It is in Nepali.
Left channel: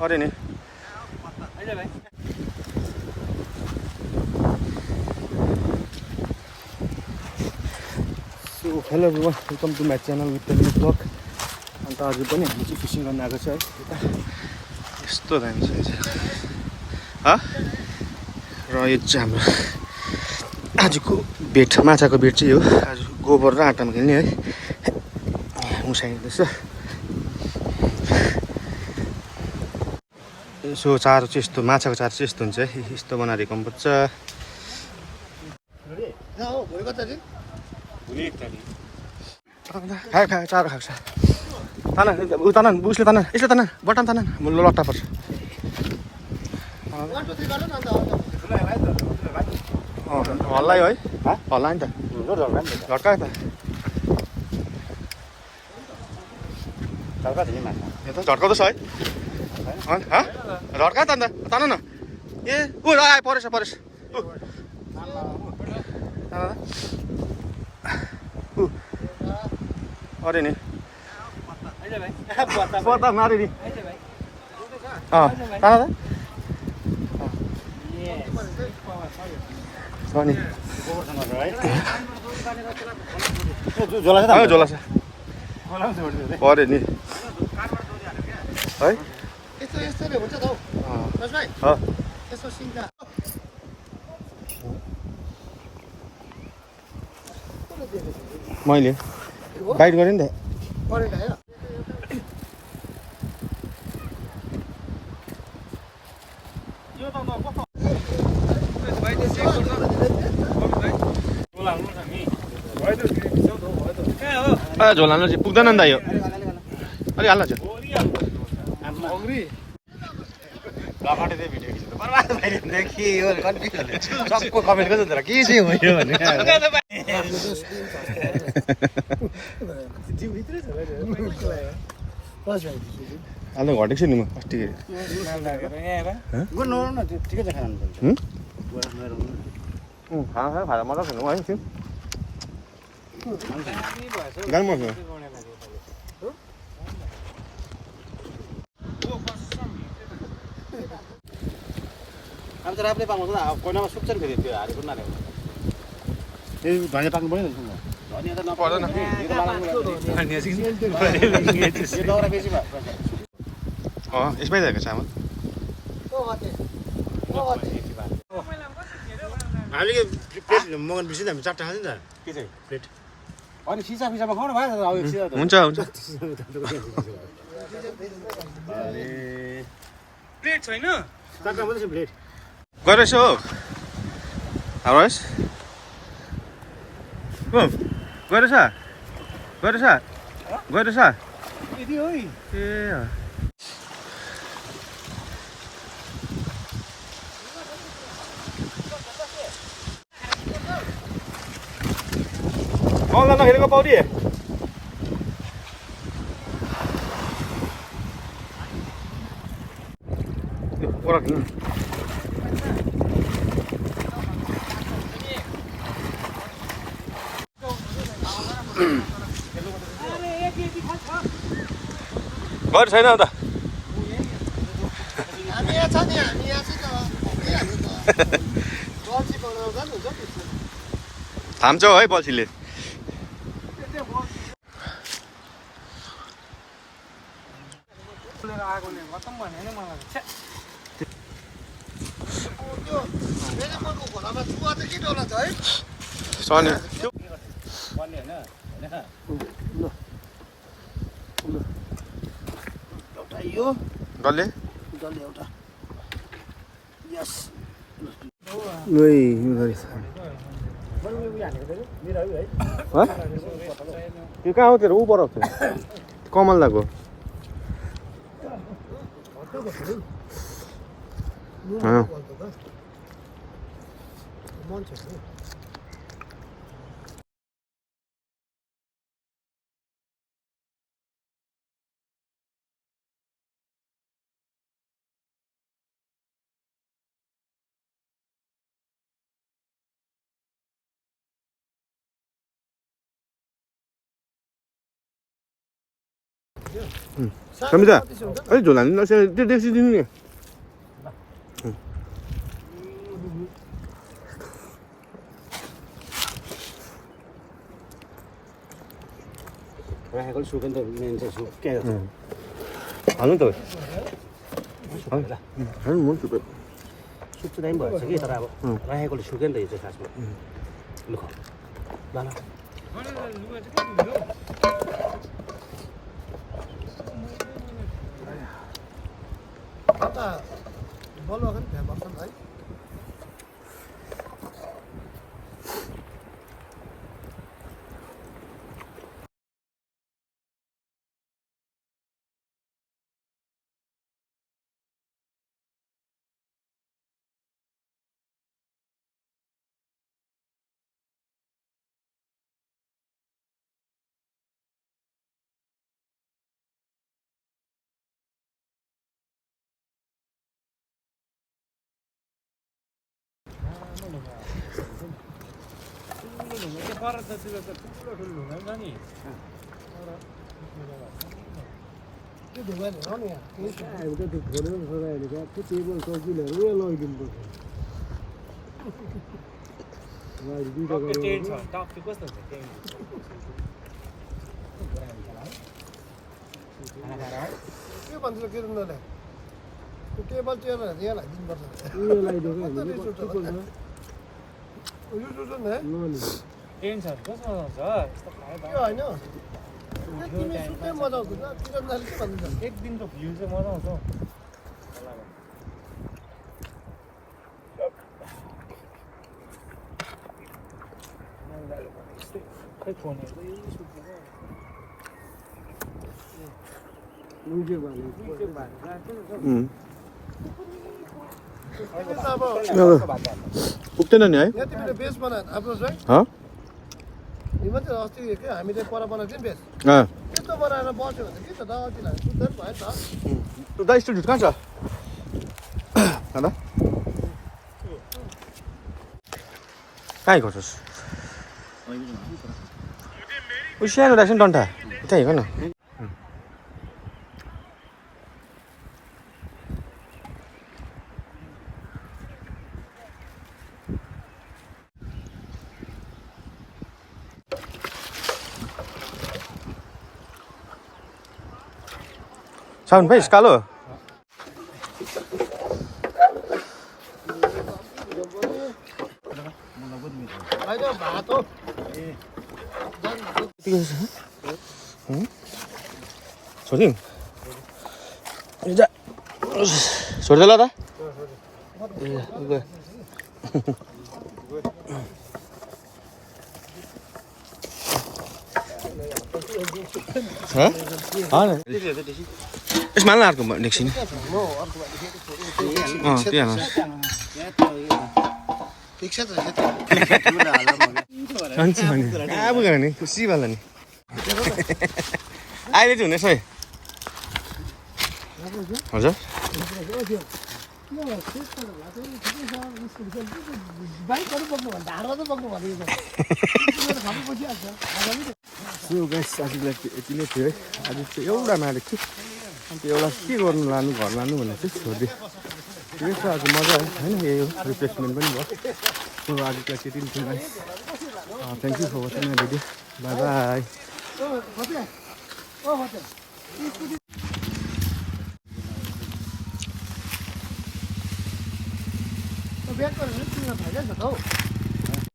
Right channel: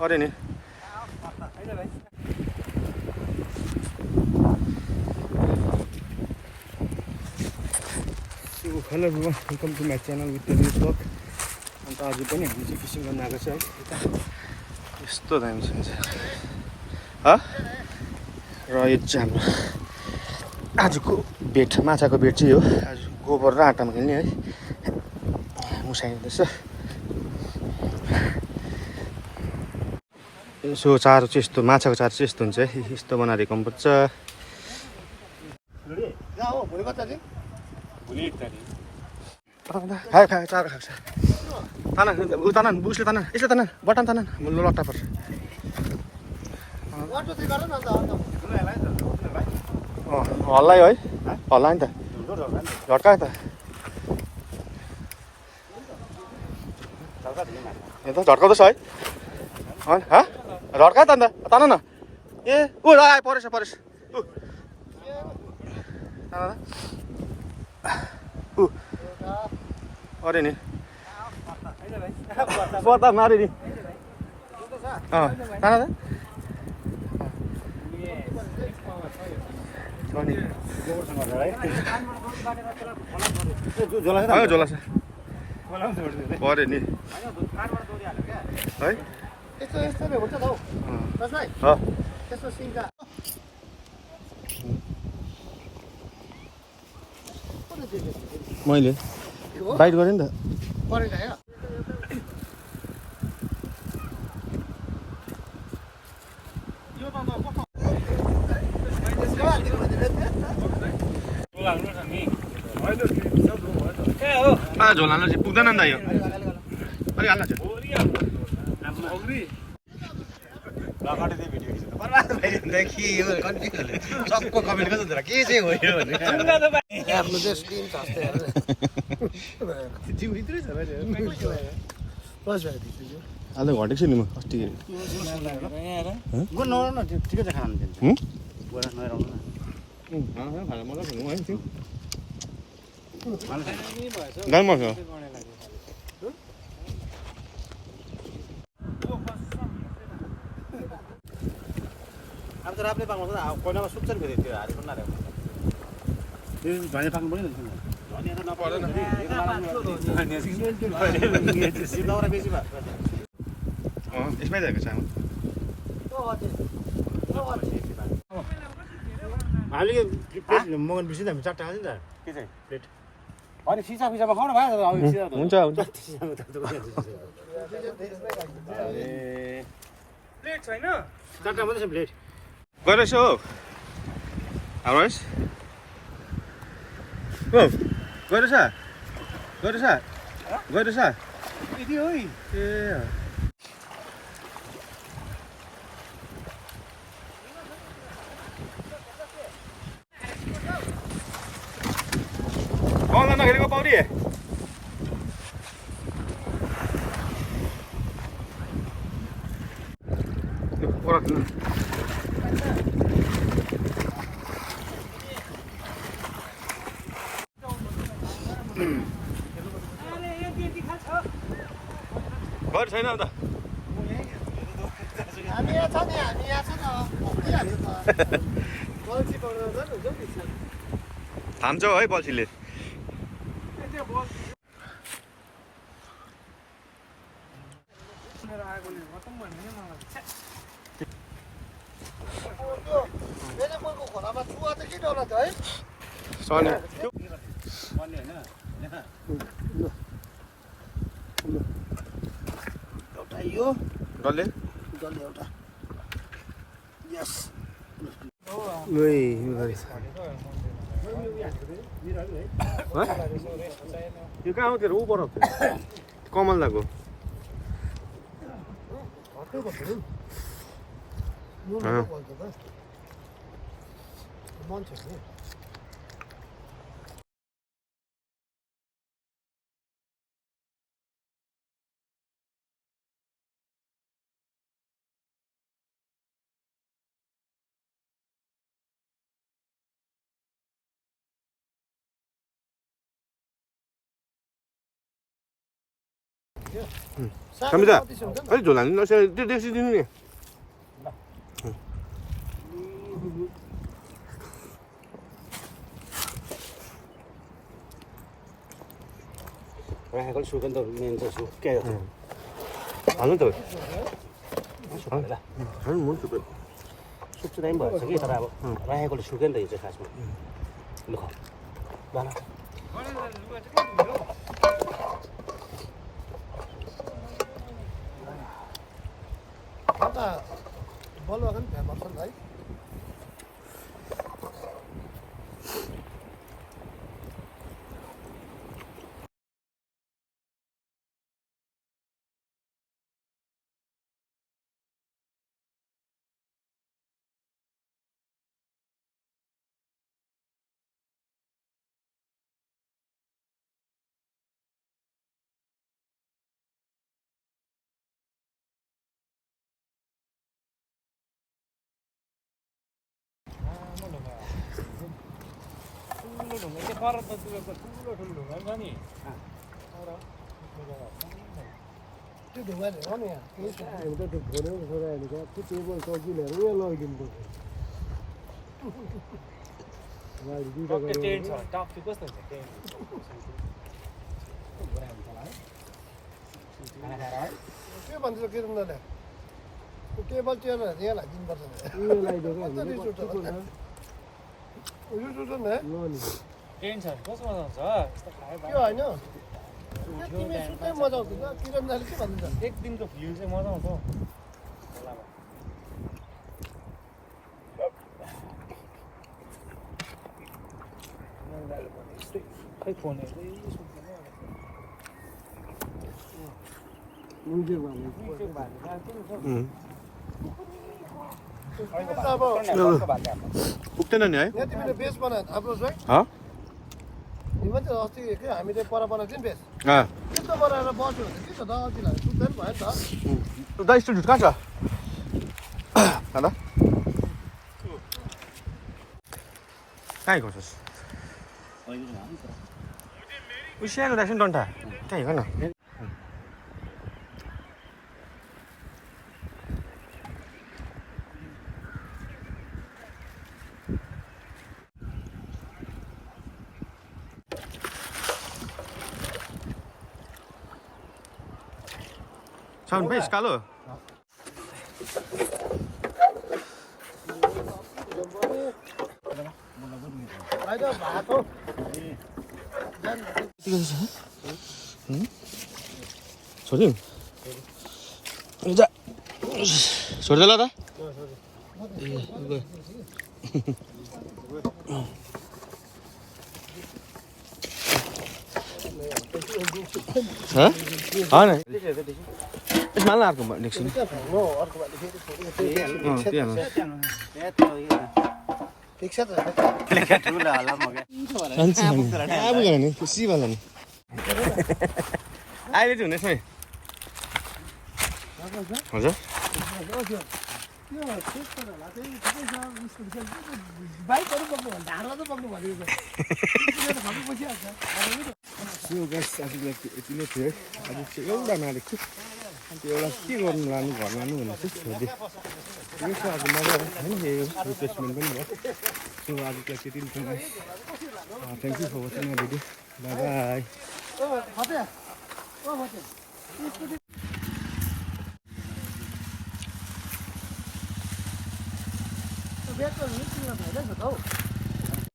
अरे नि So hello everyone, welcome to my channel with the new vlog. अन्त आज पनि हामी चाहिँ फिसिङ गर्न आएको छ है यता यस्तो दामी छ र यो चाहिँ हाम्रो आजको बेट माछाको बेट चाहिँ हो आज गोबर र आँटामा खेल्ने है मुसाइँदैछ यसो चारो चाहिँ यस्तो माछाको चारो चाहिँ यस्तो हुन्छ है यस्तो बनाएर हिर्काउनुपर्छ खायो खायो चारो खाएको छ तान उ तान उसले तान यसले तान बटन तान लट्टा पर्छ हल्लायो है हल्ला नि त झट्का त झट्काउँदैछ है झट्का त अन्त तान न ए ऊ आयो परेछ परेछ ऊ अरे नि पता मारे नि तान त झोला छ पऱ्यो नि है मैले बाइट गरेँ नि त झोल हाल्नु चाहिँ पुग्दैन नि त यो अलिक हाल्नु चाहिँ घटेको छु नि म अस्ति खाजा मजा खेल्नु है त्यो दामी मसँग राफ्ले पाउँछ कोइनामा सुक्छ नि फेरि त्यो हारी पनि नरहेको त्यो धनिया पाक्नु पर्यो नि पर्दैन यसमै जाएको चामल हामीले प्लेट मगाउनु बिर्सिन्छ हामी चारवटा खान्छ नि त के चाहिँ प्लेट होइन सिसा फिसामा खाउँ न भाइ हुन्छ हुन्छ प्लेट छैन चारवटा मात्रै छ प्लेट गइरहेछ हो हाम्रो गइरहेछ ए कल नखेलेको पौडी घर छैन त थाम्छौ है बल्छीले डल्ले एउटा यस त्यो कहाँ हो तेरो ऊ बरफ थियो कमल लाग्यो 갑니다. 아니 저 나는 나서 떼시 되는 Hai con suối con đầu nên sẽ xuống kè được. 안 온다. Sụp ra. 잘 못 줘. Sụp chứ đấy mở sẽ ghi tao nào. Hai con suối con đấy sẽ sao xuống. Được không? Vâng. एक दिनको भ्यू चाहिँ मजा आउँछ खै फोनहरु पुग्दैन नि है? हाँ? दा स्टुडियो कहाँ छ? दादा? कहाँ गर्छस्? उ सानो राख्छ नि डन्ठा त्यहाँ हेर न साउन भाइ कालो छोडिदिउँ छोडिदेला र यसमा हाल्न अर्को एकछिन त्यही हाल्नु अब गर नि खुसी भयो नि अहिले चाहिँ हुनेछ है हजुर आजलाई यति नै थियो है आज चाहिँ एउटा मारेको छु अन्त एउटा के गर्नु लानु घर लानु भनेर चाहिँ छोडिदिएँ ठिकै छ आज मजा आयो होइन यही हो रिप्लेसमेन्ट पनि भयो सो आजलाई त्यति नै थियो thank you for watching my video bye by